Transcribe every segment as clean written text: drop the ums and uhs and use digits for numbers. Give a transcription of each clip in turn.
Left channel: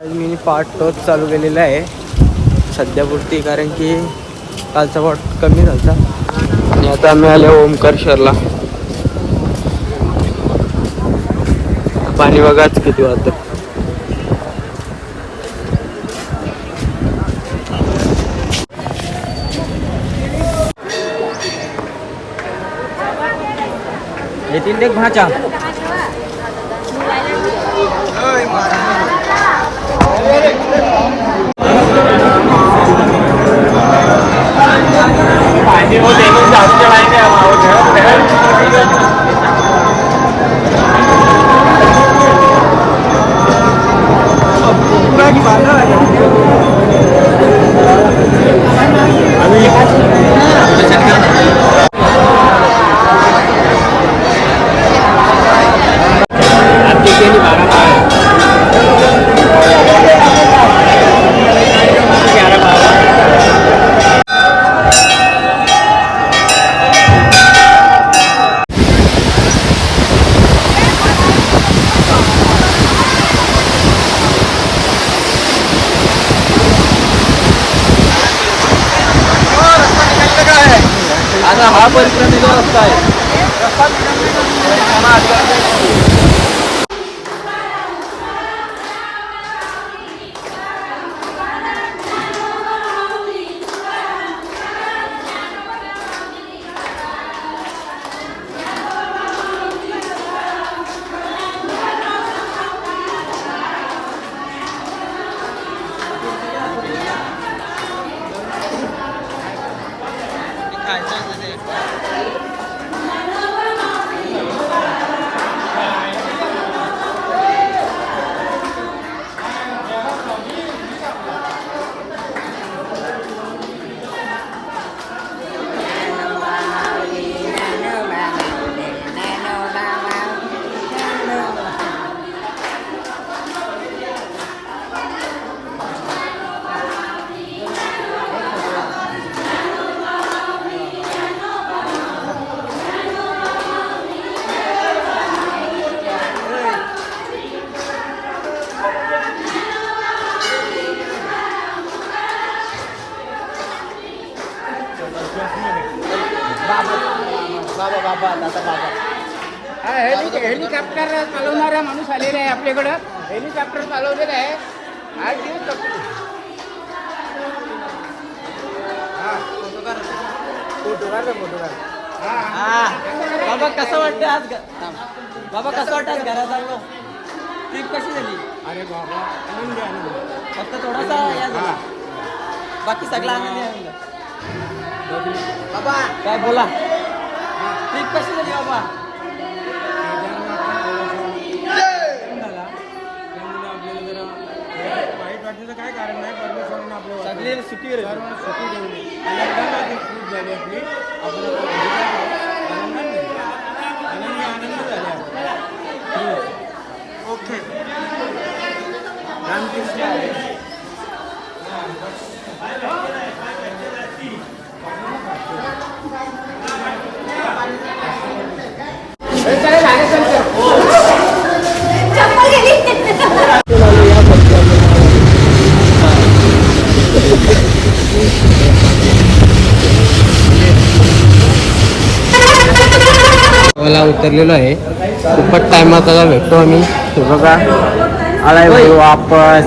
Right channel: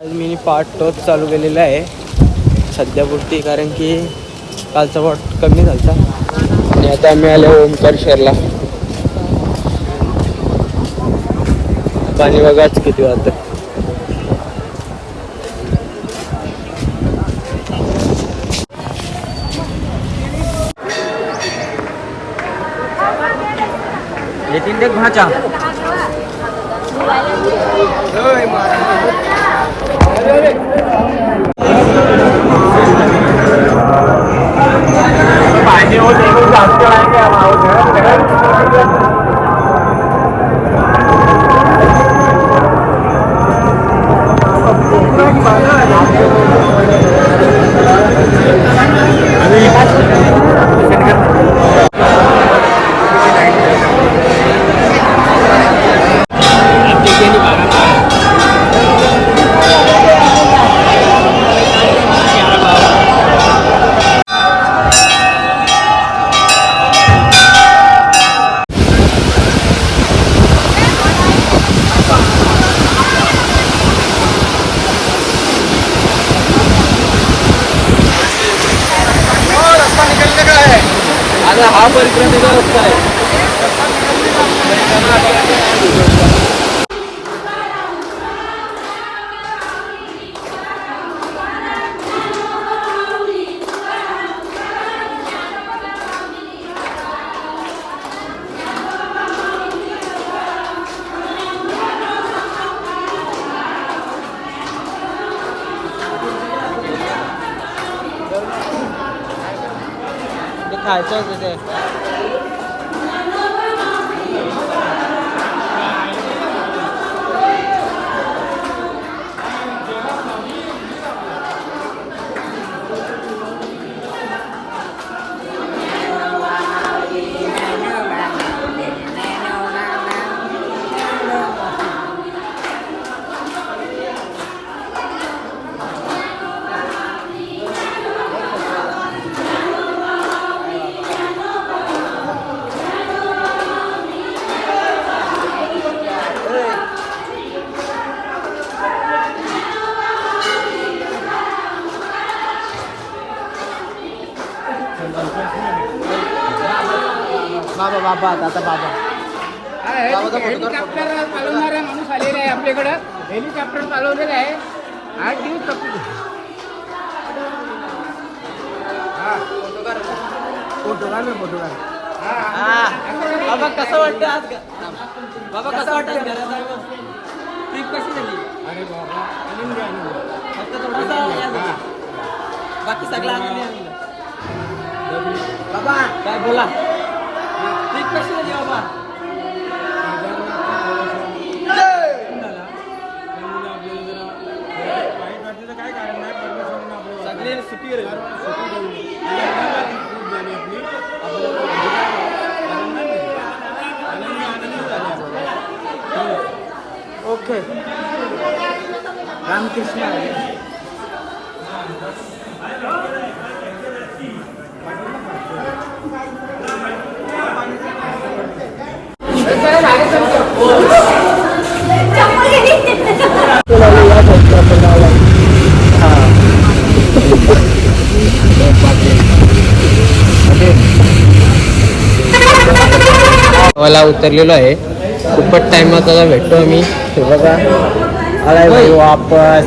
आज मी पार्ट टोच चालू केलेला आहे सध्यापुरती, कारण की कालचा पार्ट कमी झाला. आणि आता आम्ही आलो ओमकारेश्वरला. पाणी बघाच किती वाजतं. येतील देख भाचा. हा परिक्रमा रस्ता आहे. खायचं होतं ते. हेलिकॉप्टर चालवणारा माणूस आलेला आहे आपल्याकडं. हेलिकॉप्टर चालवलेलं आहे. बाबा कसं वाटतं आज? बाबा कसं वाटतं आज घरात आलो? ट्रिप कशी झाली? अरे बाबा आनंदी आनंद. फक्त थोडासा बाकी सगळा आनंदी. काय बोला, ट्रिप कशी झाली बाबा? काय कारण नाही, परमेश्वराने आपल्याला सगळे सुट्टी खूप झाली आपली. आनंद झाला. ओके. रामकृष्ण. मला उतरलेलो आहे. खूपच टाइमात आता भेटतो आम्ही. हे बघा आलाय भाऊ आपण.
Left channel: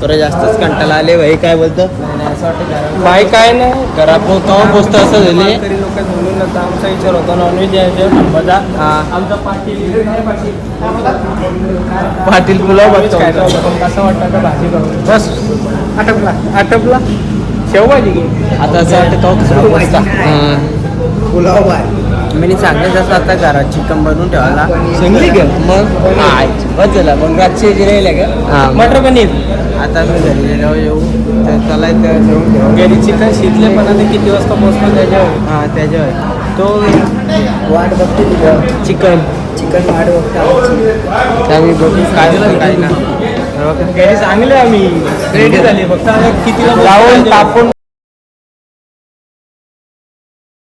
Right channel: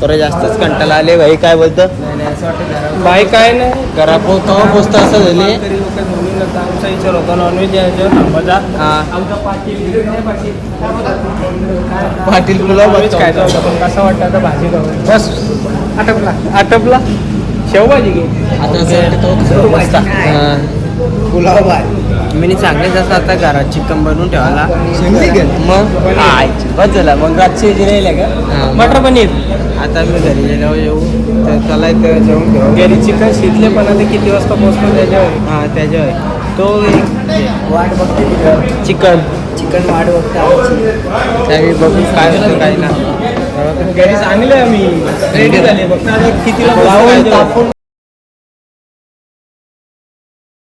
तर जास्तच कंटाळा आले भाई. काय बोलतं? असं वाटतं भाई काय नाही घरात केव्हा पोचतं असं झाले तरी लोक बोलून जातं. आमचा विचार होता नॉनव्हेज यायचं थांबाचा. आमचा पाटील पुलाव बघतो काय पण कसं वाटतं आता भाजी खाऊ. बस आटपला शेवभाजी घे. आता असं वाटतं पुलाव बाय मी सांगले जसं आता घरात चिकन बनवून ठेवायला सांगली का मग बस झाला. मग रातची जी राहिले का मटर पनीर. आता मी घरी गेलो येऊ तर त्याला इथं जेवून ठेवू. घरी चिकन शिजले पण आता किती वाजता पोचतो त्याच्यावर. त्याच्यावर तो वाट बघते चिकन वाट बघते त्यावेळी बघू काय होतं काय ना. घरी चांगले आम्ही रेडी झाले फक्त किती